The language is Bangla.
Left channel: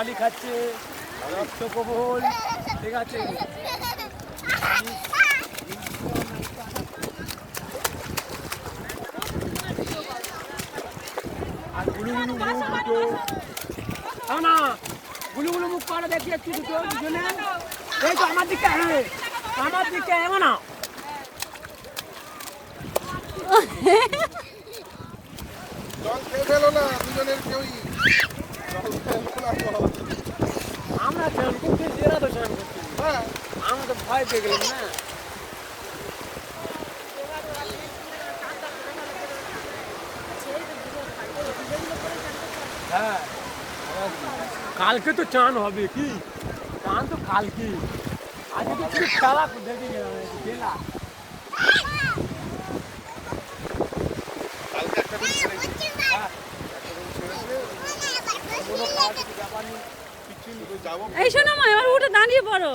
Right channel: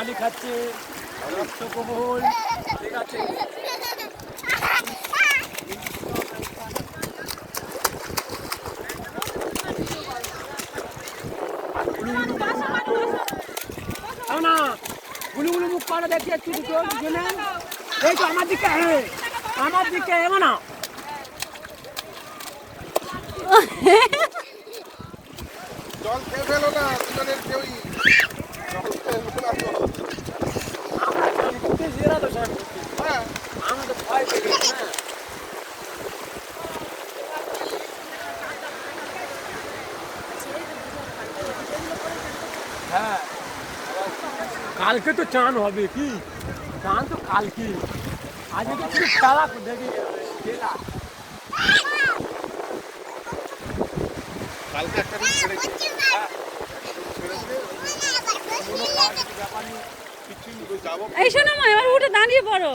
পানি খাচ্ছে রক্ত প্রবল ঠিক আছে না গুলু গুলু মুখ করে দেখি একটু দুটো দুজনে এই তো আমার দিকে এমন না জল খেয়ে ফেলো না দুজনের কেউই আমি তো ভয় পেয়ে গেলাম না হ্যাঁ কালকে তো চান হবে কি চান তো কালকে আজকে তো শুধু খেলা দেখি খেলা কালকে একটা দিন ছেড়ে গেছে। কোনো কাজ ব্যাপার নেই, কিছু যাবো এই শোনো মা এবার উঠে দাঁড়িয়ে পড়ো